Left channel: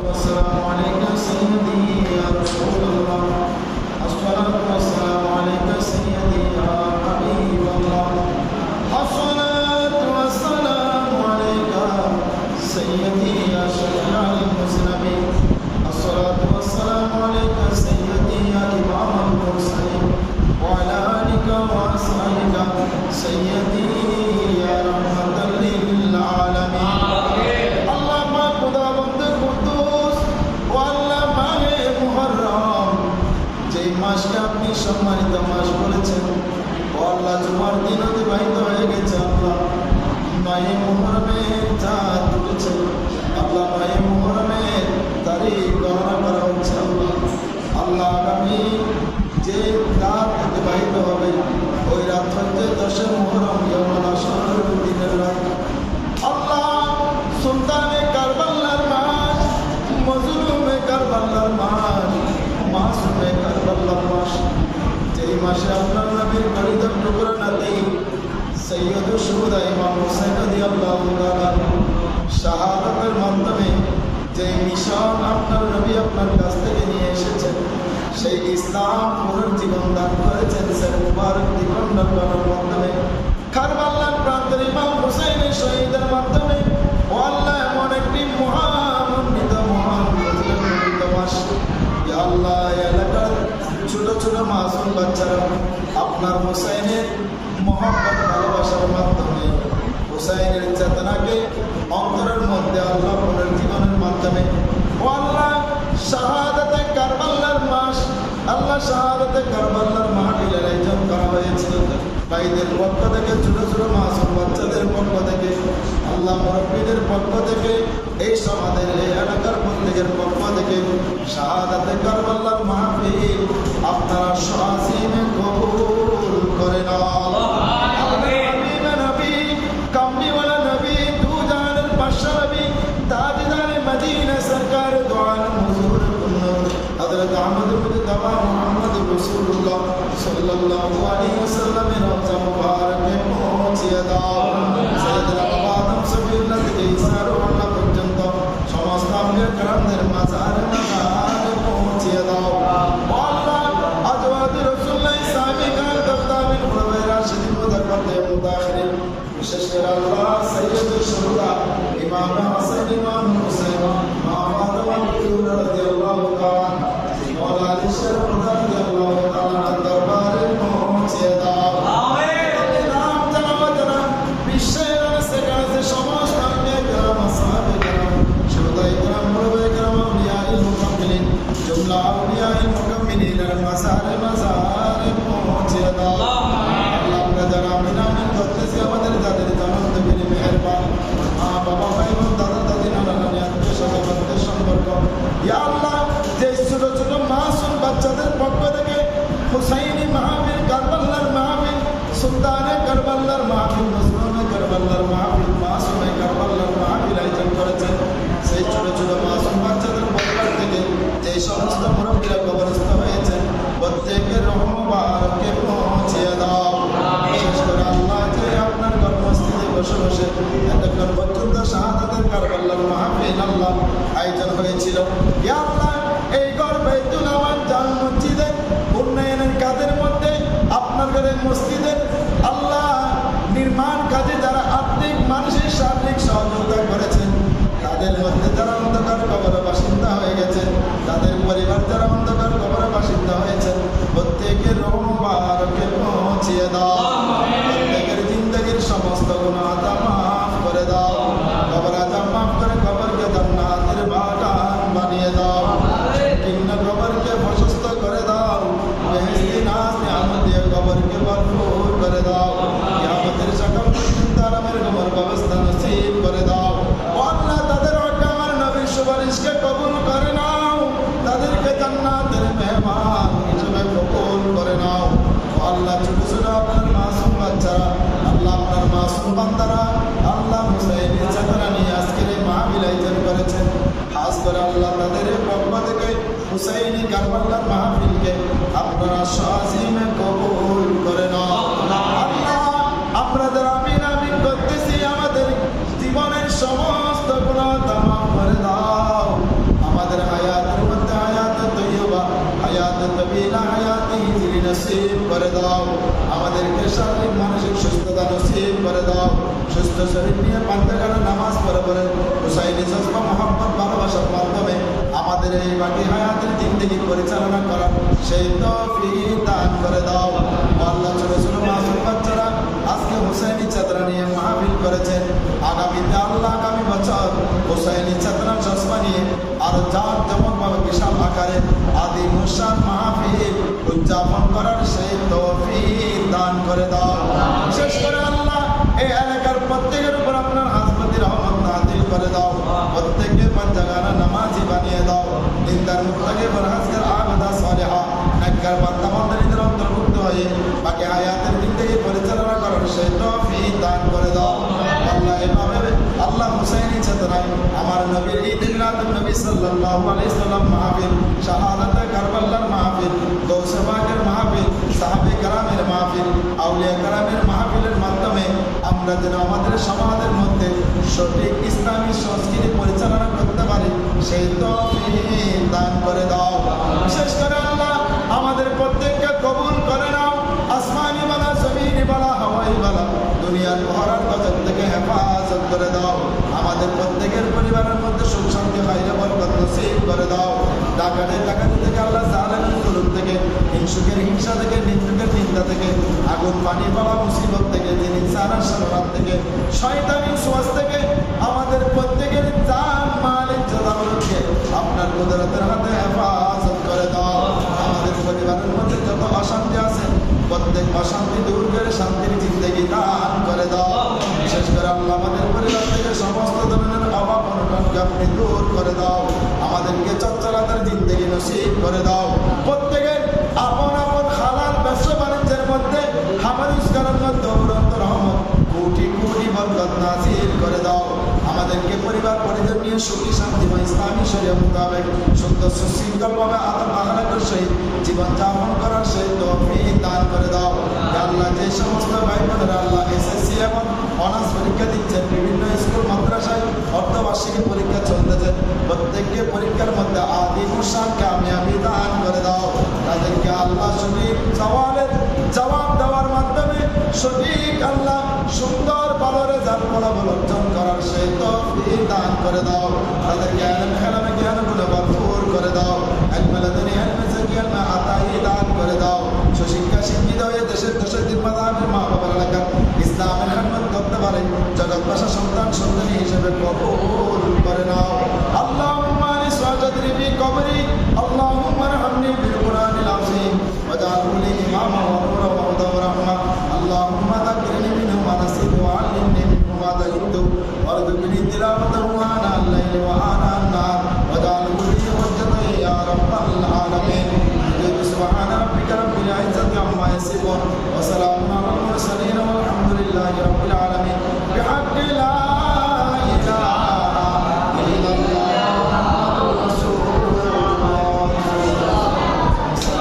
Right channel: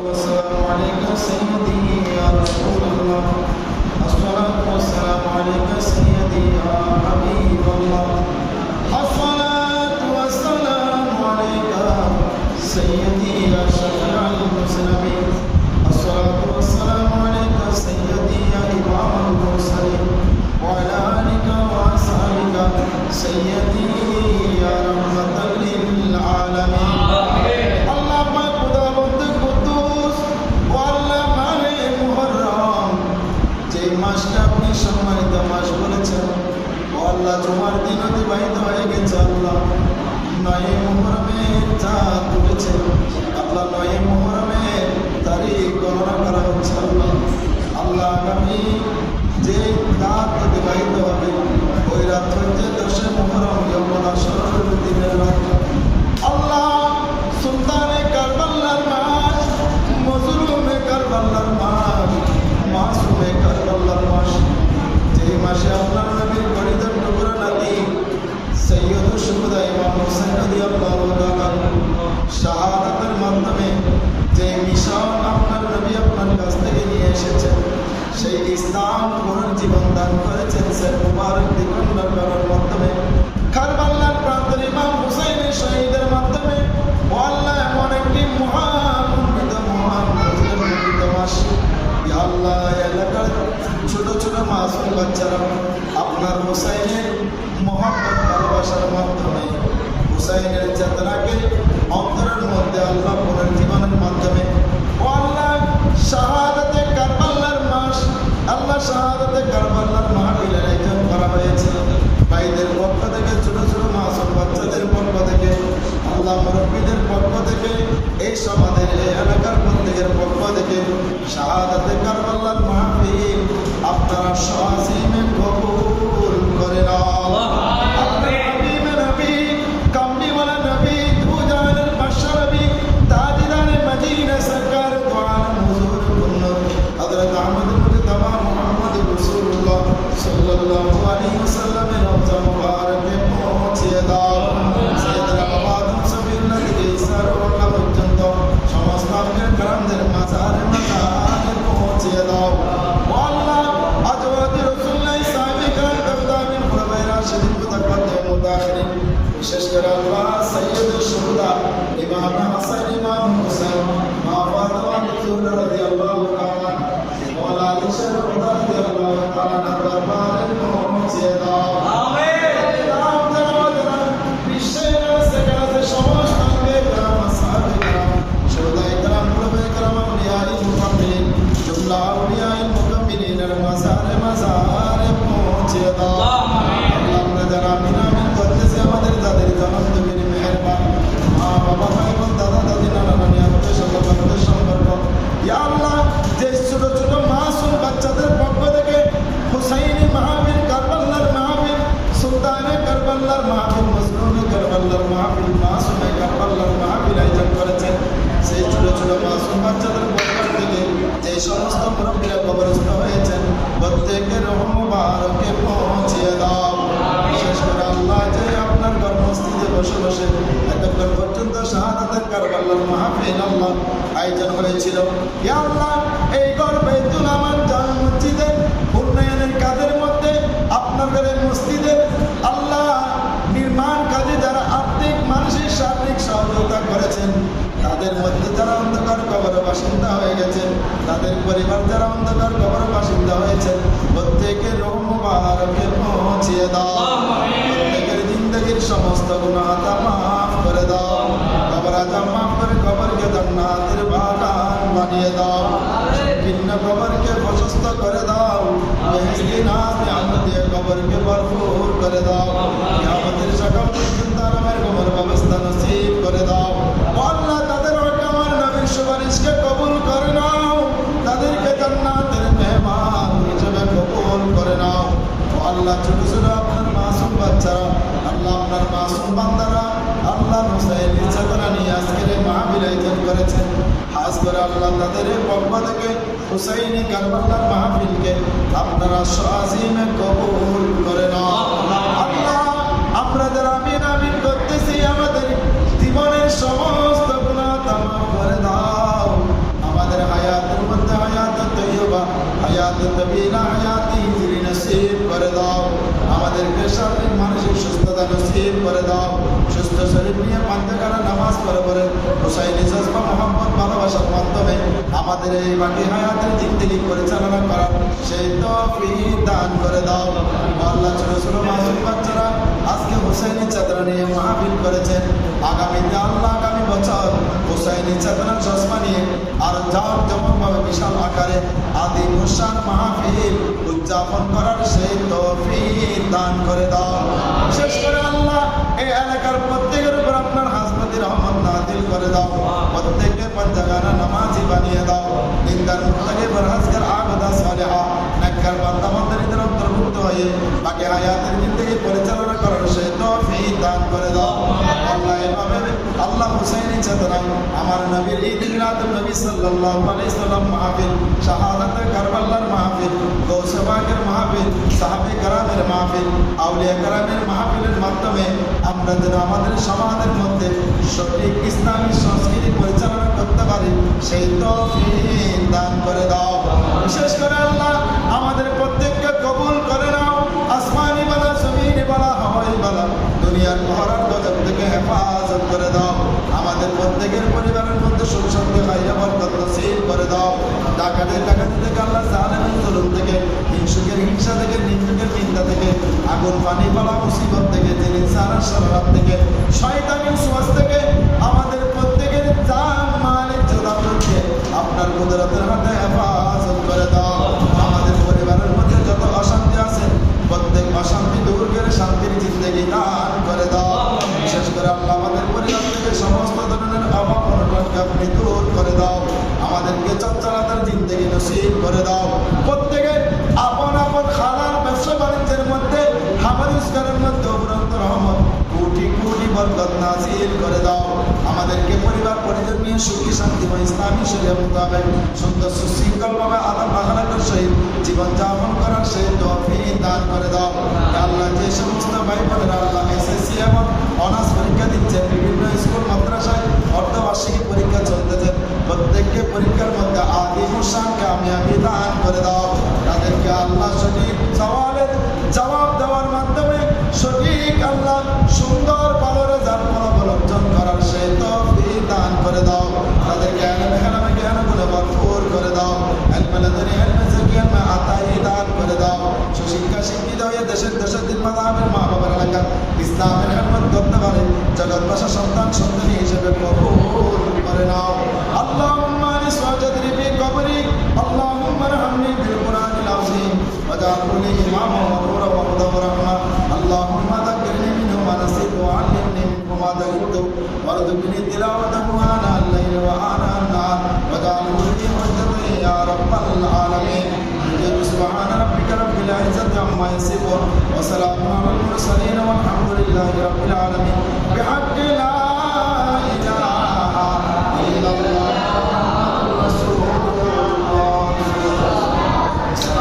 والسلام عليك سيدي يا رسول الله الصلاة والسلام عليك سيدي يا حبيب الله الصلاة والسلام عليك سيدي يا شفيع المذنبين الصلاة والسلام عليك سيدي يا إمام المرسلين وعلى آلك وأصحابك سيدي মাসকে আপনি সম্মানিত মাস বলেছেন। ও আল্লাহ জুমার দিন অতিবাহিত হয়ে গেছে আল্লাহ। নয় মুহরমের চাঁদ উঠেছে। আল্লাহ, নয় মুহরমের তারিখ গণনা করা হচ্ছে আল্লাহ। আল্লাহ আগামী যে রাত অতিবাহিত হবে, ওই রাত হচ্ছে দশে মুহরম ইয়মন আসর দিনের রাত। আল্লাহ, সুলতানে কারবাল্লার মাস, মজলুমে কারবাল্লার মাস। মাসুমে কারবাল্লার মাস। যেই মাসে আপনার নবীর গরিদর টুকরা নাতি, সৈয়দ সুবুদা ইমাম হুসাইন রাদিয়াল্লাহু তাআলা শাহাদাতের মাধ্যমে যে মিশন আপনার নবী আপনার কাছ থেকে নিয়ে এসেছেন, সেই ইসলাম পুনর্জীবন দান করেছেন স্যার মুবারক দ্বিখণ্ডন করার মাধ্যমে। কারবাল্লার প্রান্তর ইমাম হুসাইনের শহীদের মাধ্যমে, ও আল্লাহ এমন একটি মহানন্দিত মহান মাস। আল্লাহ এলাকার ছোট ছোট মাসুম বাচ্চারা আপনার হোসাইনের মহাব্বত ভালোবাসার মাধ্যমে, হোসাইনের চেতনাকে অন্তরের মধ্যে আল্লাহ পুনর্জীবনের মাধ্যমে আল্লাহ, শাহাদাতে কারবাল্লার মাস আল্লাহ শাহাদাতে কারবাল্লার মাহফিল আয়োজন করা হয়েছে। ভাইদের পক্ষ থেকে, ছোট ছোট মাসুম বাচ্চাদের পক্ষ থেকে, আল্লাহ মুরব্বীদের পক্ষ থেকে, এই সমাজের, এই এলাকার প্রত্যেকের পক্ষ থেকে শাহাদাতে কারবাল্লার মাহফিল আপনারা সহসীমে কবুল করে নবী তাজদারে মদিনা সরকার, দোয়ান হুজুর কুন্ন হযরত আহমদ সাল্লাল্লাহু আলাইহি ওয়াসাল্লামের রওজা মুবারকে পৌঁছে দাও। সাইয়েদনা আবাদম সফিউল্লাহ থেকে ইসার ওয়াল্লাহ পর্যন্ত সমস্ত আমাদের কারামদের মাজারে মাজারে পৌঁছে দাও। আল্লাহ আজওয়াদ রাসূলুল্লাহ সাহাবী কান দাদামিন খুলাফায়ে রাশিদিন মুতাকাদ্দিম বিশেষ করে জুমলা আউলিয়ায়ে মুকাম্মিলিনের মাজারে পৌঁছে দাও আল্লাহ আমরা যারা আমিন আমিন করতেছি আমাদের যাদের জনম তুমি মেহেরবান মা বাবা ভাই বোন দাদা দাদি নানা নানি আত্মীয় সম্পর্ক আল্লাহ যে ছোট ছোট মাসুম বাচ্চাদের পক্ষ থেকে হুসাইনি মাহফিল কারবাল্লার মাহফিল সুলতানে কারবাল্লার মাহফিল মজনুনে কারবাল্লার মাহফিল মাসুমে কারবাল্লার মাহফিল আয়োজন করেছেন সেই ছোট ছোট মাসুম বাচ্চাদের পক্ষ থেকে যে সমস্ত মুরব্বীরা কবরস্থ হয়েছেন প্রত্যেকের রহমবারকে পৌঁছিয়ে দাও। বিশেষ করে আল্লাহ যে আপনার কর্মস্থিতে বসে বসে এতক্ষণ পর্যন্ত শাহাদাতের কারবাল্লার মাহফিল আল্লাহ আয়োজন হয়েছিল আল্লাহ, এই ঘর বাইতুল আমার জামে মসজিদের উন্নয়নের কাজের মধ্যে আপনার ঘরের মসজিদের আল্লাহ নির্মাণ কাজে যারা আর্থিক, মানসিক, শারীরিক সহযোগিতা করেছেন তাদের মধ্যে যারা অন্ধকার কবর বাসিন্দা হয়ে গেছেন, তাদের পরিবার যারা অন্ধকার কবর বাসিন্দা হয়েছেন, প্রত্যেকের রহমবারকে পৌঁছিয়ে দাও। প্রত্যেকের জিন্দগির সমস্ত গুণাতা মাফ করে দাও। কবর মাফ করে কবরকে জান্নাতের বাগান বানিয়ে দাও। কিন্ন কবরকে প্রশস্ত করে দাও। বেহেস্তি নিয়ামত দিয়ে কবরকে ভরপুর করে দাও। কিয়ামতের সকাল পর্যন্ত কবর ব্যবস্থা নসিব করে দাও। আল্লাহ সুপারিশকে কবুল করে নাও। তাদেরকে জান্নাতের মেহমান হিসেবে কবুল করে নাও। আল্লাহ, ছোট ছোট আপনার মাসুম বাচ্চারা, আল্লাহ আপনার মাসুম বান্দারা, আল্লাহ হুসাইনের চেতনা নিয়ে আজকের এই মাহবিল আয়োজন করেছেন। খাস করে আল্লাহ তাদের এই পক্ষ থেকে হুসাইনি কারবাল্লার মাহফিলকে আপনারা সাজিমে কবুল করে নাও। আল্লাহ, আমরা যারা আমিন আমিন করতেছি, আমাদের জীবনের সমস্ত আমাদের হায়াতের মধ্যে হায়াত তৈবা হায়াত তবিলা, হায়াতি নসিব করে দাও। আমাদেরকে শারীরিক, মানসিক সুস্থতা নসিব করে দাও। সুস্থ শরীর নিয়ে পান্তাকালা নামাজ পড়ে পড়ে হুসাইনি জজবা মোহাম্মদ ভালোবাসার মাধ্যমে আমাদের এই বাকি হায়াতের দিক থেকে পরিচালনা করার সেই তৌফিক দান করে দাও। আল্লাহ ছোট ছোট মাসুম বাচ্চারা আজকে হুসাইনি চাদরা নিয়ে মাহফিল করেছেন। আগামীতে আল্লাহ আগামী বছর হুসাইনি চাদরা চশমা নিয়ে আর জাক জমকভাবে বিশাল আকারে আদি মুসান মাহফিল উদযাপন করার সেই তৌফিক দান করে দাও। বিশেষ করে আল্লাহ, এই এলাকার প্রত্যেকের রহমত করে দাও প্রত্যেককে পঞ্চাগানা নামাজি বানিয়ে দাও নিন্দার মুক্তাকে বরহাজগার আগদা সালেহা নাক্কার বান্দা বান্দারিদের অন্তর্ভুক্ত হয়ে বাকি হায়াতের জিন্দগি পরিচালনা করার সেই তৌফিক দান করে দাও আল্লাহ এভাবে আল্লাহ হুসাইনি চেতনায় আমার নবীর ঈদ মিলাদুন নবী সাল্লাল্লাহু আলাইহি সাল্লাম মাহফিল শাহাদাতে কারবালার মাহফিল গৌসে পাকের মাহফিল সাহাবে কারামের মাহফিল আউলিয়া কারামের মাহফিলের মাধ্যমে আমরা যেন আমাদের সমাজের মধ্যে সঠিক ইসলামী সংস্কৃতি পরিচালনা করতে পারি, সেই তৌফিক দান করে দাও। বিশেষ করে আল্লাহ, আমাদের প্রত্যেককে কবুল করে নাও। আসমানি বালা, জমিনি বালা, হাওয়াই বালা, দুনিয়ার মহারার গজব থেকে হেফাজত করে দাও। আমাদের প্রত্যেকের পরিবারের মধ্যে সুখ শান্তি, খাইরে বরকত নসিব করে দাও। ডাকাতের ডাকাতি থেকে আল্লাহ জালেমের জুলুম থেকে, হিংসুকের হিংসা থেকে, নিন্দুকের নিন্দা থেকে, আগুন, পানি, বালা, মুসিবত থেকে যিনি সারা সরাব থেকে, শয়তানি সুয়াস থেকে কুদরতের হাতে হেফাজত করে দাও। আমাদের পরিবারের মধ্যে যত অশান্তি আছে, প্রত্যেক অশান্তি দূর করে শান্তির জিন্দগি দান করে দাও। বিশেষ করে আল্লাহ আমাদের পরিবার থেকে সমস্ত ধরনের অভাব, অনটনকে আপনি দূর করে দাও। আমাদেরকে চচ্চলাতার জিন্দগি নসিব করে দাও। প্রত্যেকের আপন আপন খালার ব্যবসা বাণিজ্যের মধ্যে খাবার রোজগারের মধ্যে অবরন্ত রহমত, কোটি কোটি বরকত নাজিল করে দাও। আমাদেরকে পরিবার, পরিজন নিয়ে সুখী শান্তিময় ইসলামী শরীয় মোতাবেক সুন্দর সুশৃঙ্খলভাবে আদম আহলাকের সহিত জীবনযাপন করার তৌফিক দান করে দাও। আল্লাহ, যে সমস্ত ভাই বোনেরা আল্লাহ এসএসসি এবং অনার্স পরীক্ষা দিচ্ছেন, বিভিন্ন স্কুল, মাদ্রাসায় অর্ধবার্ষিকী পরীক্ষা চলতেছে। প্রত্যেককে পরীক্ষার মধ্যে আদি মুসান কামিয়াবি দান করে দাও। তাদেরকে আল্লাহ সঠিক সওয়ালের জবাব দেওয়ার মাধ্যমে সঠিক আল্লাহ সুন্দর ভালো রেজাল্ট ফলাফল অর্জন করার সেই তৌফিক দান করে দাও তাদেরকে এলমে হেলামে জ্ঞান গুণে ভরপুর করে দাও এলমে লাদনি এলমে জাকি এলমে আতাই দান করে দাও সুশিক্ষা শিক্ষিত হয়ে দেশের দেশের দিন মাদামের মা বাবার এলাকার ইসলামের খেদমত করতে পারে জগৎবাসা সন্তান সন্তানী হিসেবে কবুল করে নাও اللهم انس وجدني في قبري اللهم ارحمني بالقران العظيم واجعله لي اماما كنت وارزقني تلاوته آناء الليل وآناء النهار واجعله لي حجة يا رب العالمين سبحان ربك رب العزة عما يصفون وسلام على المرسلين والحمد لله رب العالمين بحق لا إله إلا الله